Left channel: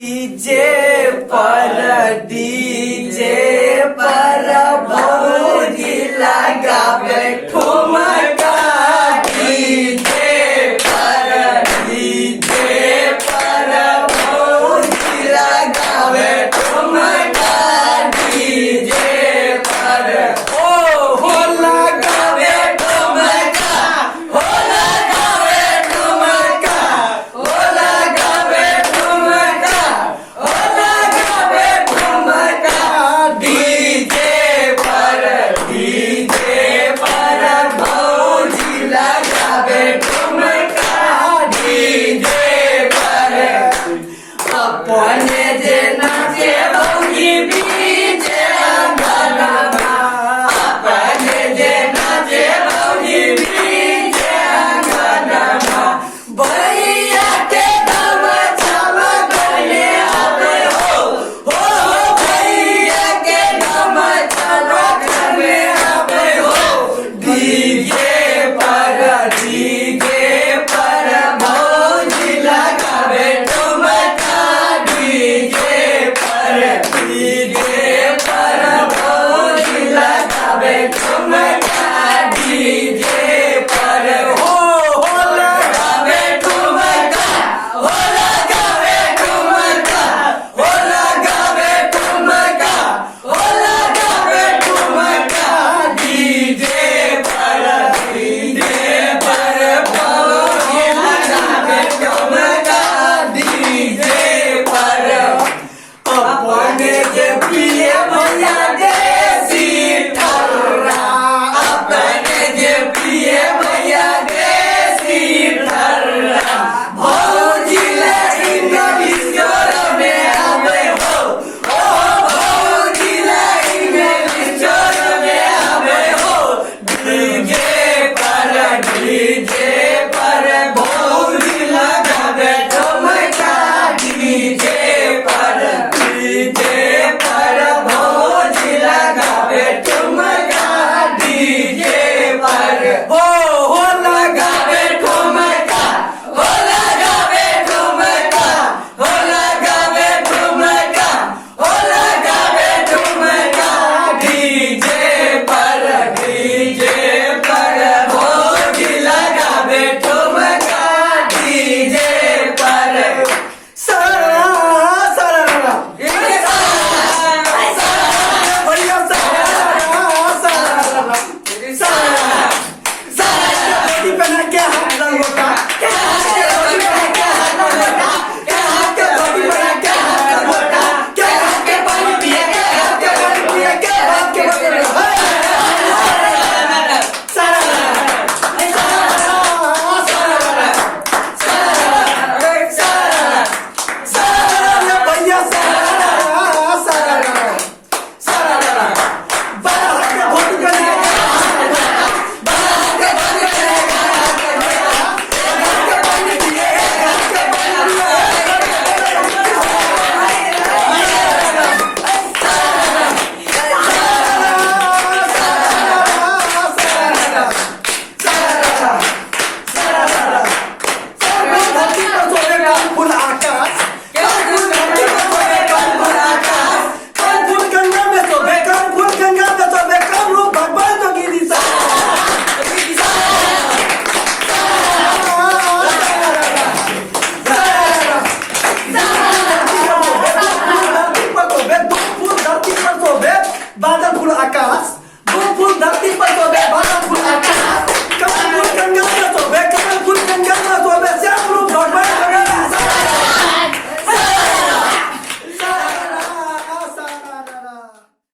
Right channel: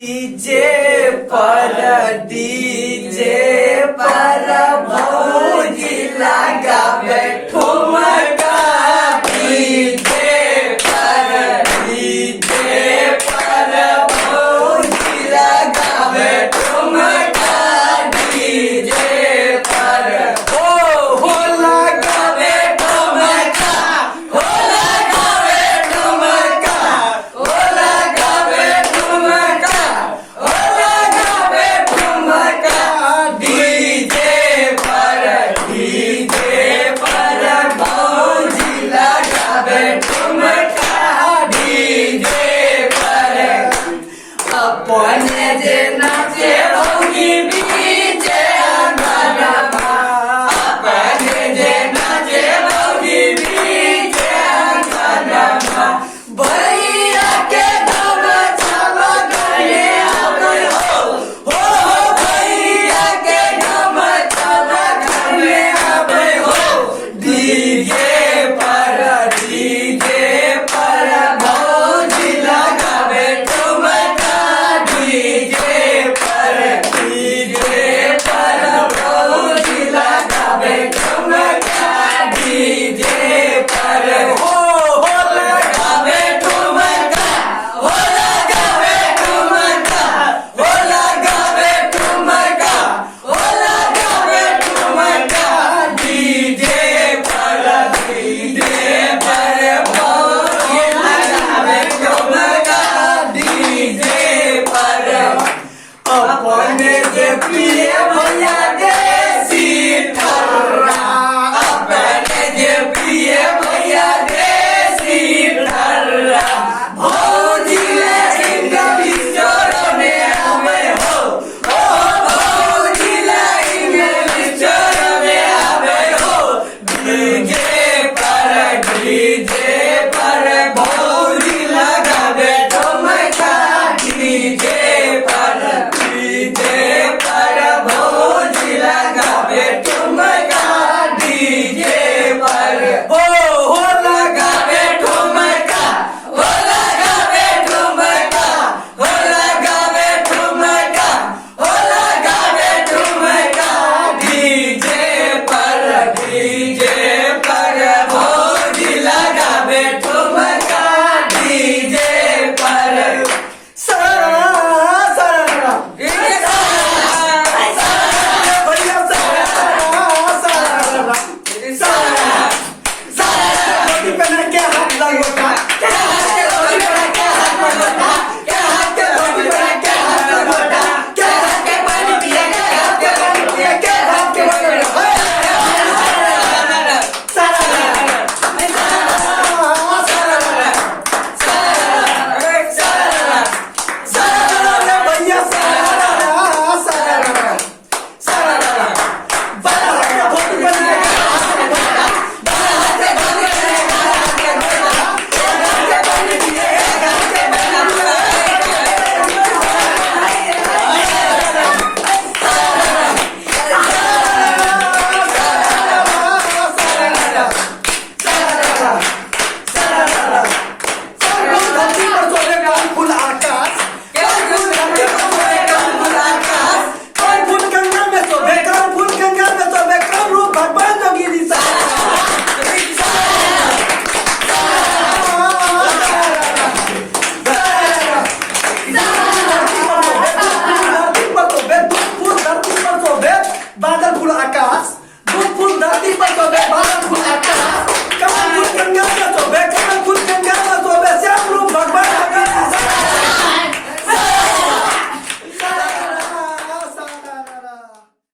DJ पर भौजी लगावे ठुमका। डीजे पर भौजी लगावे ठुमका। डीजे पर हो लगावे ठुमका, हो लगावे ठुमका, हो लगावे ठुमका, हो लगावे ठुमका। डीजे पर भौजी लगावे ठुमका। डीजे पर अपने जे नाचे भौजी बीचे अंगनमा। अपने जे नाचे भौजी बीचे अंगनमा। भैया के गमछावा गले आवे हो भैया के गमछावा गले आवे हो। डीजे पर भौजी लगावे ठुमका। डीजे पर भौजी लगावे ठुमका। डीजे पर हो लगावे ठुमका, हो लगावे ठुमका, हो लगावे ठुमका, हो लगावे ठुमका। डीजे पर भौजी लगावे ठुमका। डीजे पर अपने से प्रिय भैया देसी ठर्रा। अपने जे प्रिय भैया देसी ठर्रा। भौजी इंग्लिश जोर में आवे हो भौजी इंग्लिश जोर में आवे हो। डीजे पर भौजी लगावे ठुमका। डीजे पर भौजी लगावे ठुमका। डीजे पर हो लगावे ठुमका, हो लगावे ठुमका, हो लगावे ठुमका, हो लगावे ठुमका। डीजे पर भौजी लगावे ठुमका। डीजे पर बादल फूल आकाश, फूल धरती पर तो बादल फूल आकाश।